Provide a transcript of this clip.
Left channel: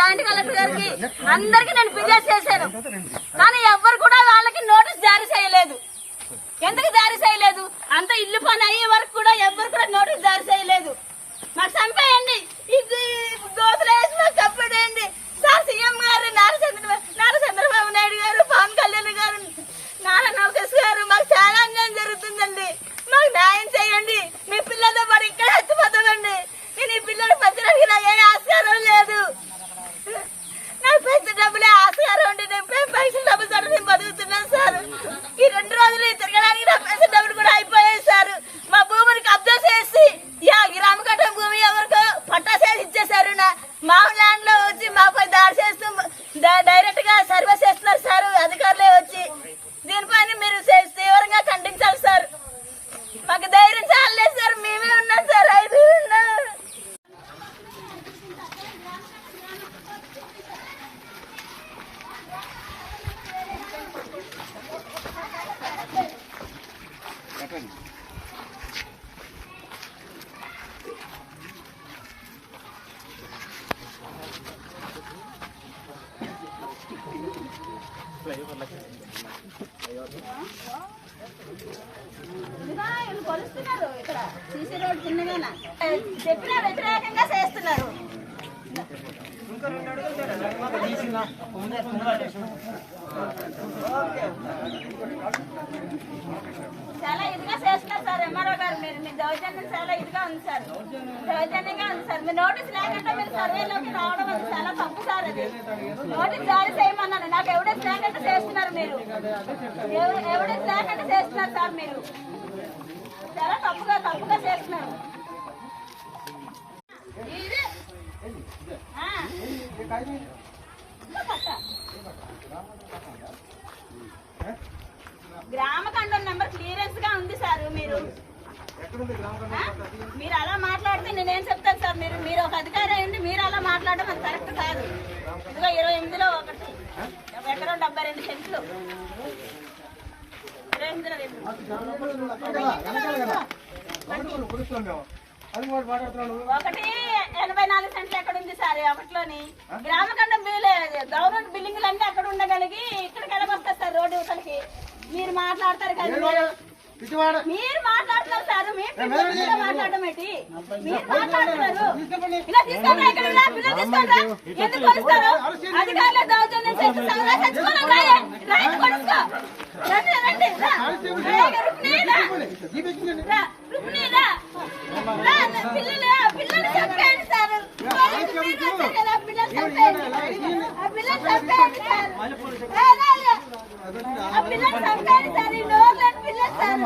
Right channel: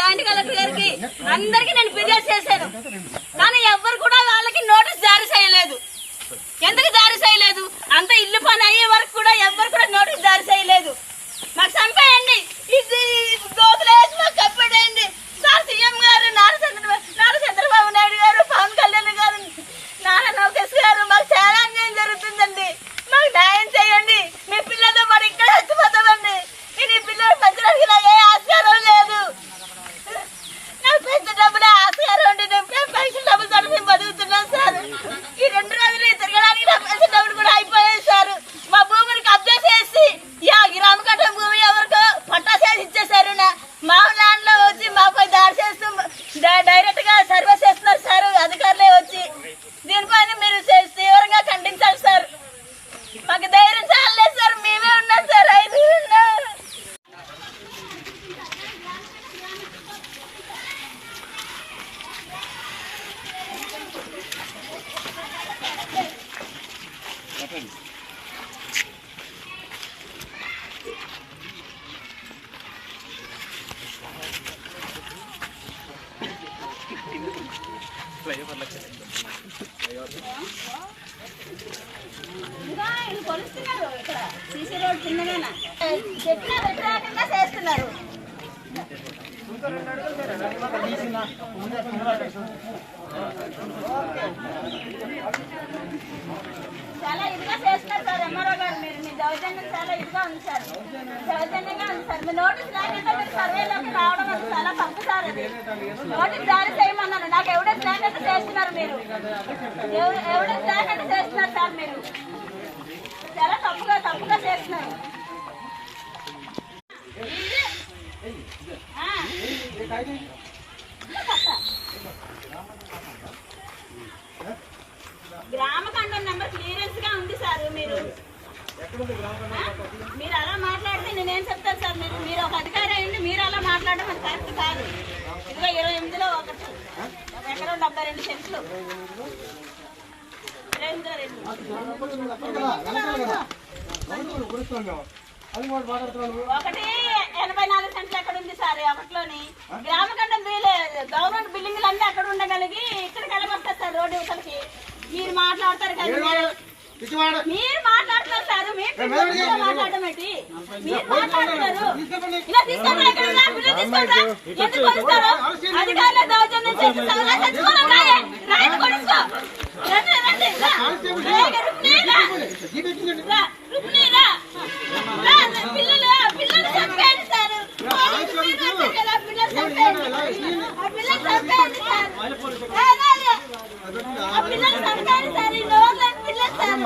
Joint collector గారికి అందరికి నేను ఫిర్యాదు చేశాను. కానీ ఎవ్వరు కూడా వాళ్ళకి నోటీస్ జారీ చేయలేదు. ఎందుకు జారీ చేయలేదు? అంత ఇల్లు పని అయ్యే వరకు కూడా ఎవ్వరు కూడా నోటీస్ జారీ చేయలేదు. మాకు చంపేయండి, ఇది దోతులు వేసి మాకు కప్పేయండి సార్. సీఎం గారు నారా చంద్రబాబు నాయుడు గారు, పవన్ కళ్యాణ్ గారు, నారా లోకేష్ గారు, మాకు చాలా అన్యాయం జరుగుతుందండి. మాకు న్యాయం చేయండి. మీ పిల్లలతో పాటు ఇక్కడ చచ్చిపోతామండి. నేను ఈ పిల్లలు పెంచడానికి నాకు ఏ ఆస్కారం లేదు. నాకు పెద్ద డబ్బులే ఆస్కారం ఉండి నేను పెన్షన్ డబ్బులు తోటి నేను బతుకుతున్నాను సార్. ఈ 2 రోజులు తిరగడానికి నా పెన్షన్ డబ్బులు కూడా అయిపోయాయి సార్. మా భూమిని కబ్జా చేసి గ్రామకట్టం భూమి ఎవరికో పట్టా చేసి ఇచ్చేసారు. మా ల్యాండ్ లో వచ్చి మాపై దాడి చేస్తూ డైరెక్ట్ గా సర్వే చేస్తున్నారు సార్ అధికారులే వచ్చి. దీనిపైన మీరు తీవ్రంగా ఖండించాలి సార్. మాకు ధైర్యం చాలలేదు సార్. మేమే ఉన్నాం సార్. 5 కొలుస్తున్నారు. ఇక్కడ సీసీ రోడ్ చిన్నగానా చెప్పినా వ్యతిరేకంగా చేస్తున్నారు. చాలా ఇదిగా చేస్తున్నారు సార్. ఎంఆర్ఓ గారు మీ దౌర్జన్యం చాలా ఇదిగా ఉంది సార్. దౌర్జన్యంగా ఉంది సార్. మీ నోటీస్ లేకుండా మీరు సర్వేలోకి రావడం అది చాలా తప్పు సార్. అది నోటీస్ జారీ చేయమన్నాను. నాకు ఎవిడెన్స్ లేకుండా చేస్తున్నారు మీరు. ఎవిడెన్స్ లేకుండా చేస్తున్నారు సార్. మీరు చాలా తప్పుగా చేస్తున్నారు. గ్రామకండం నెంబర్ క్లియరెన్స్ గా ఉంది సార్. మీరు అలా మాట్లాడితే నేనేం చెప్తాను సార్. మీరు ఒక అధికారి అయ్యండి మీరు అలా మాట్లాడడం అది కరెక్ట్ కాదు. ఇదిగో 28లో 1 ఎకరం 72 సెంట్లు 184 సెంట్లు ఎక్కడ ఉంది సార్. అప్పట్లోని గ్రామకండం గవర్నమెంట్ బిల్డింగ్లు అన్ని అక్కడ ఉండగలిగి ఇక్కడికి వెళ్ళగొస్తారు సార్. రోడ్డు యువతలకి మీరు మాట్లాడతారు కదా. మీరు మాట్లాడుతున్నారు సార్. మీరు మాట్లాడడం ఏంటి? మీరు మాట్లాడుతున్నారు. ఇలా తీసుకోండి. ఇక్కడ పిల్లలు తీసుకోండి. ఎందుకు కొలుస్తారు? అధికారులు దౌర్జన్యం చేసి చచ్చిపోవాలి. రాయి కొలుసుకో. పిల్లలు చంపేయండి సార్. పిల్లలు చంపేయండి సార్. పిల్లలు చంపేయండి సార్. ఈ నోర్లని పిల్లలు సార్.